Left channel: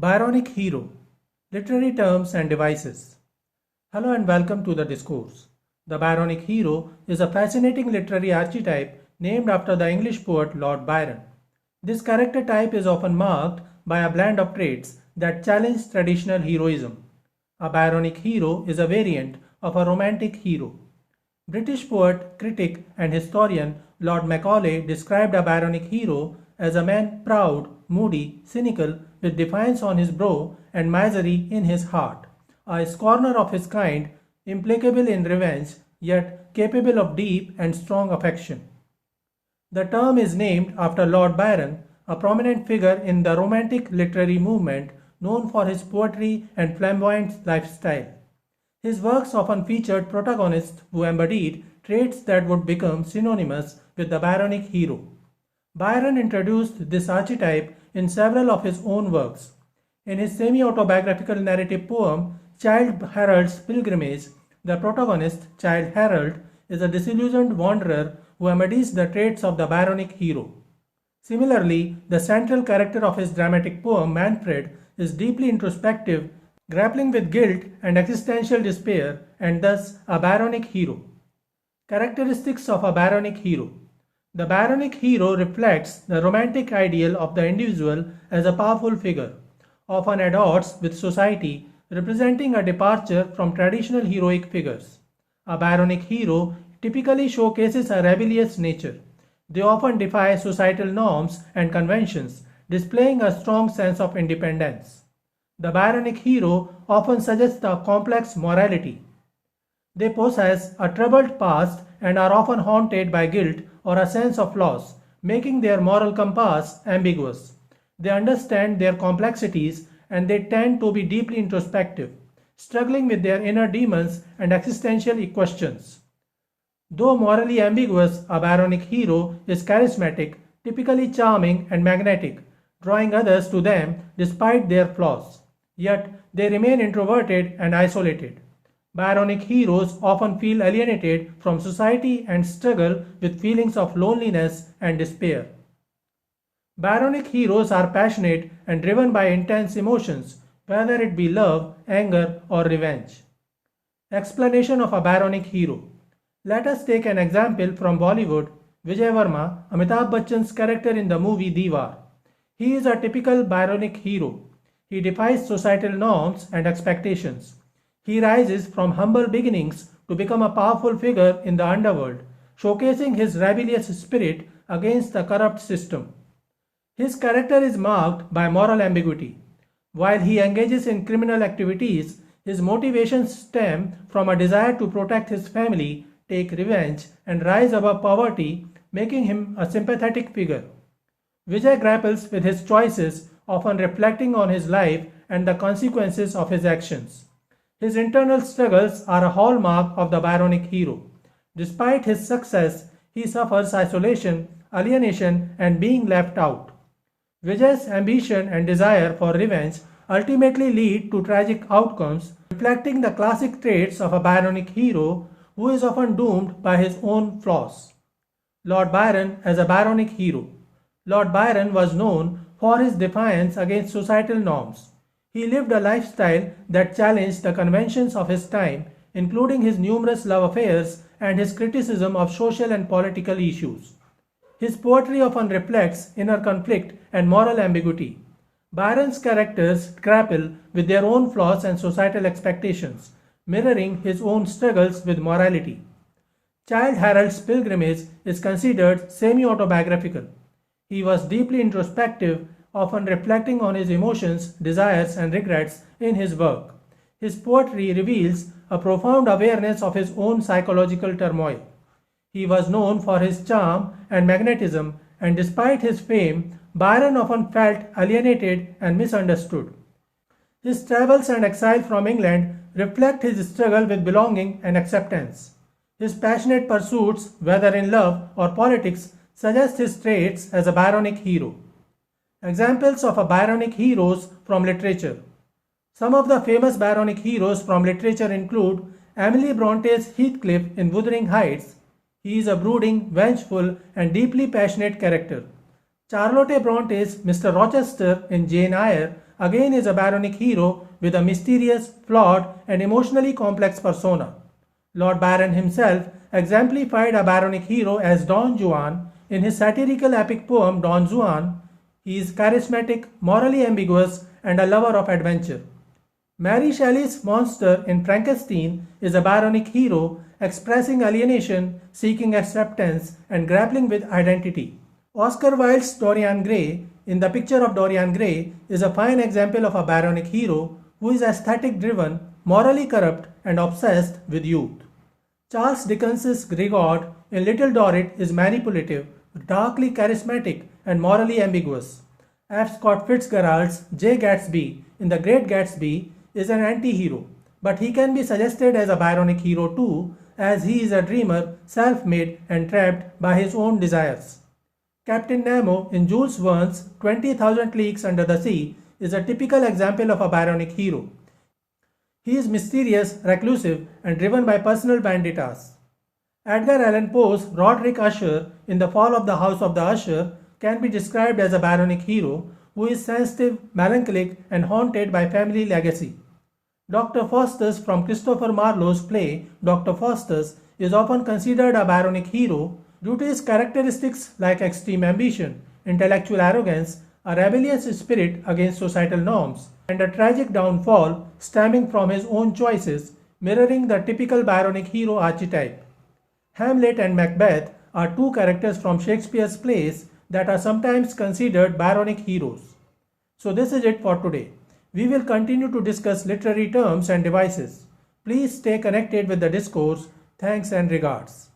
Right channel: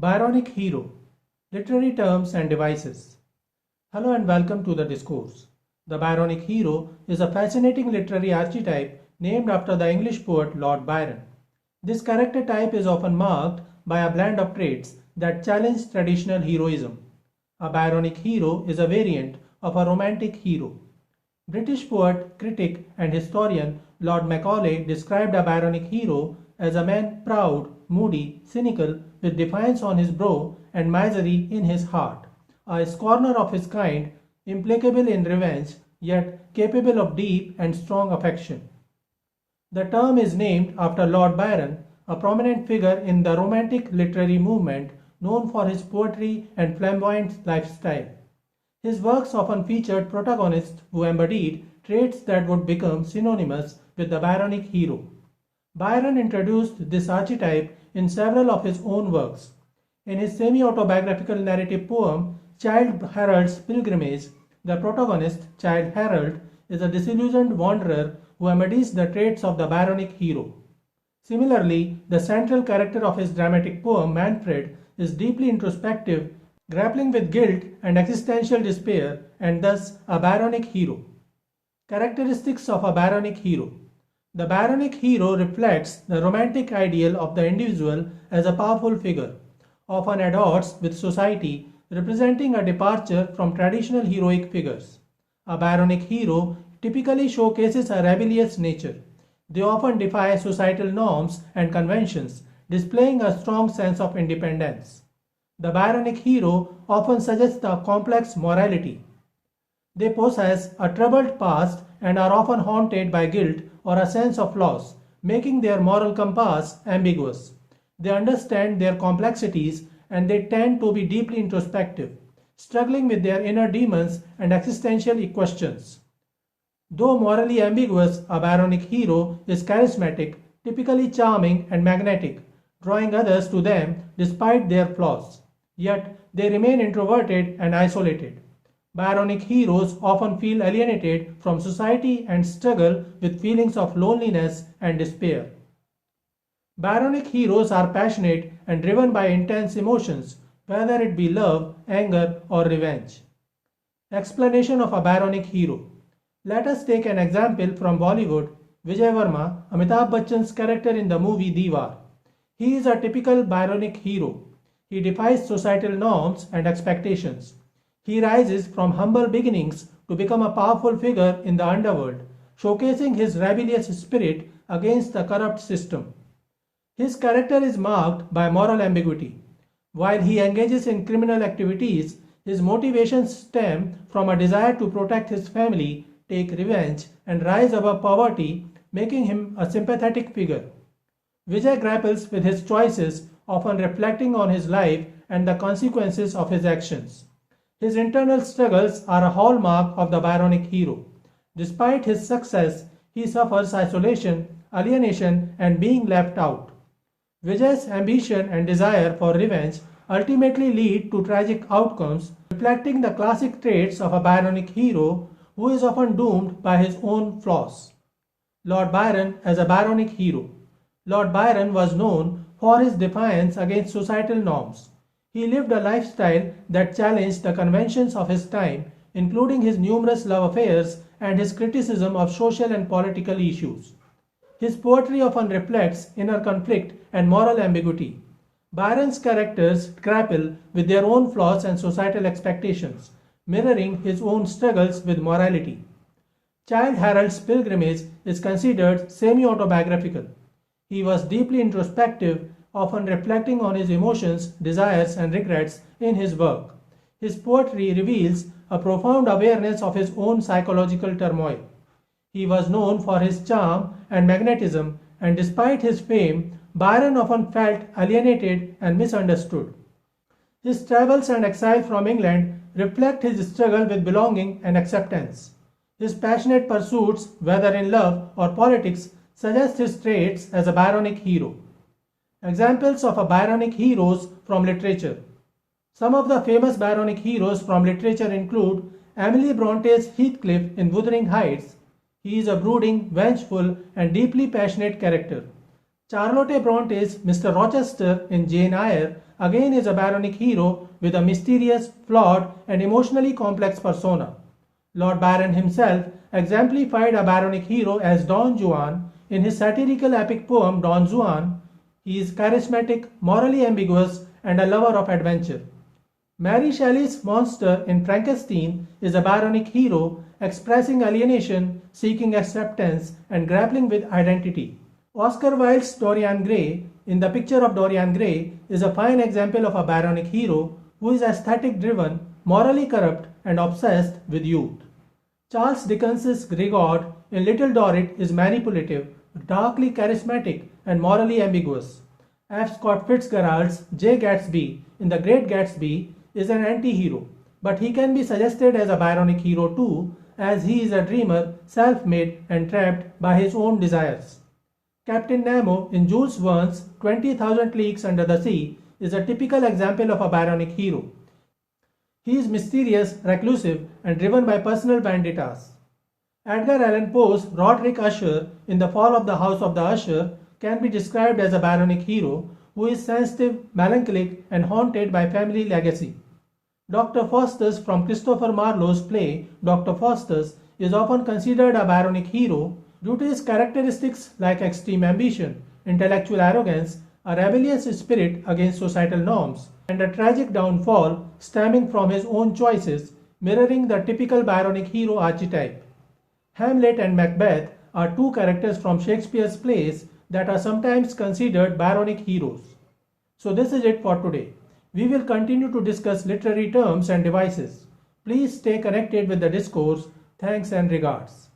Byronic Hero, Literary Terms and Devices. Hello and welcome to the discourse. The Byronic Hero is a fascinating literary archetype named after the English poet Lord Byron. This character type is often marked by a blend of traits that challenge traditional heroism. A Byronic hero is a variant of a romantic hero. British poet, critic, and historian Lord Macaulay described a Byronic hero as a man proud, moody, cynical, with defiance on his brow and misery in his heart, a scorner of his kind, implacable in revenge, yet capable of deep and strong affection. The term is named after Lord Byron, a prominent figure in the Romantic literary movement known for his poetry and flamboyant lifestyle. His works often featured protagonists who embodied traits that would become synonymous with the Byronic hero. Byron introduced this archetype in several of his own works. In his semi-autobiographical narrative poem Childe Harold's Pilgrimage, the protagonist, Childe Harold, is a disillusioned wanderer who embodies the traits of the Byronic hero. Similarly, the central character of his dramatic poem Manfred is deeply introspective, grappling with guilt and existential despair, and thus a Byronic hero. Characteristics of a Byronic hero. The Byronic hero reflects the romantic ideal of the individual as a powerful figure, often at odds with society, representing a departure from traditional heroic figures. A Byronic hero typically showcases a rebellious nature. They often defy societal norms and conventions, displaying a strong sense of independence. The Byronic hero often suggests a complex morality. They possess a troubled past and are often haunted by guilt or a sense of loss, making their moral compass ambiguous. They understand their complexities and they tend to be deeply introspective, struggling with their inner demons and existential questions. Though morally ambiguous, a Byronic hero is charismatic, typically charming and magnetic, drawing others to them despite their flaws. Yet they remain introverted and isolated. Byronic heroes often feel alienated from society and struggle with feelings of loneliness and despair. Byronic heroes are passionate and driven by intense emotions, whether it be love, anger, or revenge. Explanation of a Byronic hero. Let us take an example from Bollywood. Vijay Verma, Amitabh Bachchan's character in the movie Diwar. He is a typical Byronic hero. He defies societal norms and expectations. He rises from humble beginnings to become a powerful figure in the underworld, showcasing his rebellious spirit against the corrupt system. His character is marked by moral ambiguity. While he engages in criminal activities, his motivations stem from a desire to protect his family, take revenge, and rise above poverty, making him a sympathetic figure. Vijay grapples with his choices, often reflecting on his life and the consequences of his actions. His internal struggles are a hallmark of the Byronic hero. Despite his success, he suffers isolation, alienation, and being left out. Vijay's ambition and desire for revenge ultimately lead to tragic outcomes, reflecting the classic traits of a Byronic hero who is often doomed by his own flaws. Lord Byron as a Byronic hero. Lord Byron was known for his defiance against societal norms. He lived a lifestyle that challenged the conventions of his time, including his numerous love affairs and his criticism of social and political issues. His poetry often reflects inner conflict and moral ambiguity. Byron's characters grapple with their own flaws and societal expectations, mirroring his own struggles with morality. Childe Harold's Pilgrimage is considered semi-autobiographical. He was deeply introspective, often reflecting on his emotions, desires, and regrets in his work. His poetry reveals a profound awareness of his own psychological turmoil. He was known for his charm and magnetism, and despite his fame, Byron often felt alienated and misunderstood. His travels and exile from England reflect his struggle with belonging and acceptance. His passionate pursuits, whether in love or politics, suggest his traits as a Byronic hero. Examples of a Byronic heroes from literature. Some of the famous Byronic heroes from literature include Emily Bronte's Heathcliff in Wuthering Heights. He is a brooding, vengeful, and deeply passionate character. Charlotte Bronte's Mr. Rochester in Jane Eyre again is a Byronic hero with a mysterious, flawed, and emotionally complex persona. Lord Byron himself exemplified a Byronic hero as Don Juan in his satirical epic poem Don Juan. He is charismatic, morally ambiguous, and a lover of adventure. Mary Shelley's monster in Frankenstein is a Byronic hero expressing alienation, seeking acceptance, and grappling with identity. Oscar Wilde's Dorian Gray in The Picture of Dorian Gray is a fine example of a Byronic hero who is aesthetic driven, morally corrupt, and obsessed with youth. Charles Dickens's Grigaud in Little Dorrit is manipulative, darkly charismatic, and morally ambiguous. F. Scott Fitzgerald's J. Gatsby in The Great Gatsby is an anti-hero, but he can be suggested as a Byronic hero too, as he is a dreamer, self-made, and trapped by his own desires. Captain Nemo in Jules Verne's 20,000 Leagues Under the Sea is a typical example of a Byronic hero. He is mysterious, reclusive, and driven by personal vendettas. Edgar Allan Poe's Roderick Usher in The Fall of the House of the Usher can be described as a Byronic hero who is sensitive, melancholic, and haunted by family legacy. Dr. Faustus from Christopher Marlowe's play Dr. Faustus is often considered a Byronic hero due to his characteristics like extreme ambition, intellectual arrogance, a rebellious spirit against societal norms, and a tragic downfall stemming from his own choices, mirroring the typical Byronic hero archetype. Hamlet and Macbeth are two characters from Shakespeare's plays that are sometimes considered Byronic heroes. So this is it for today. We will continue to discuss literary terms and devices. Please stay connected with the discourse. Thanks and regards.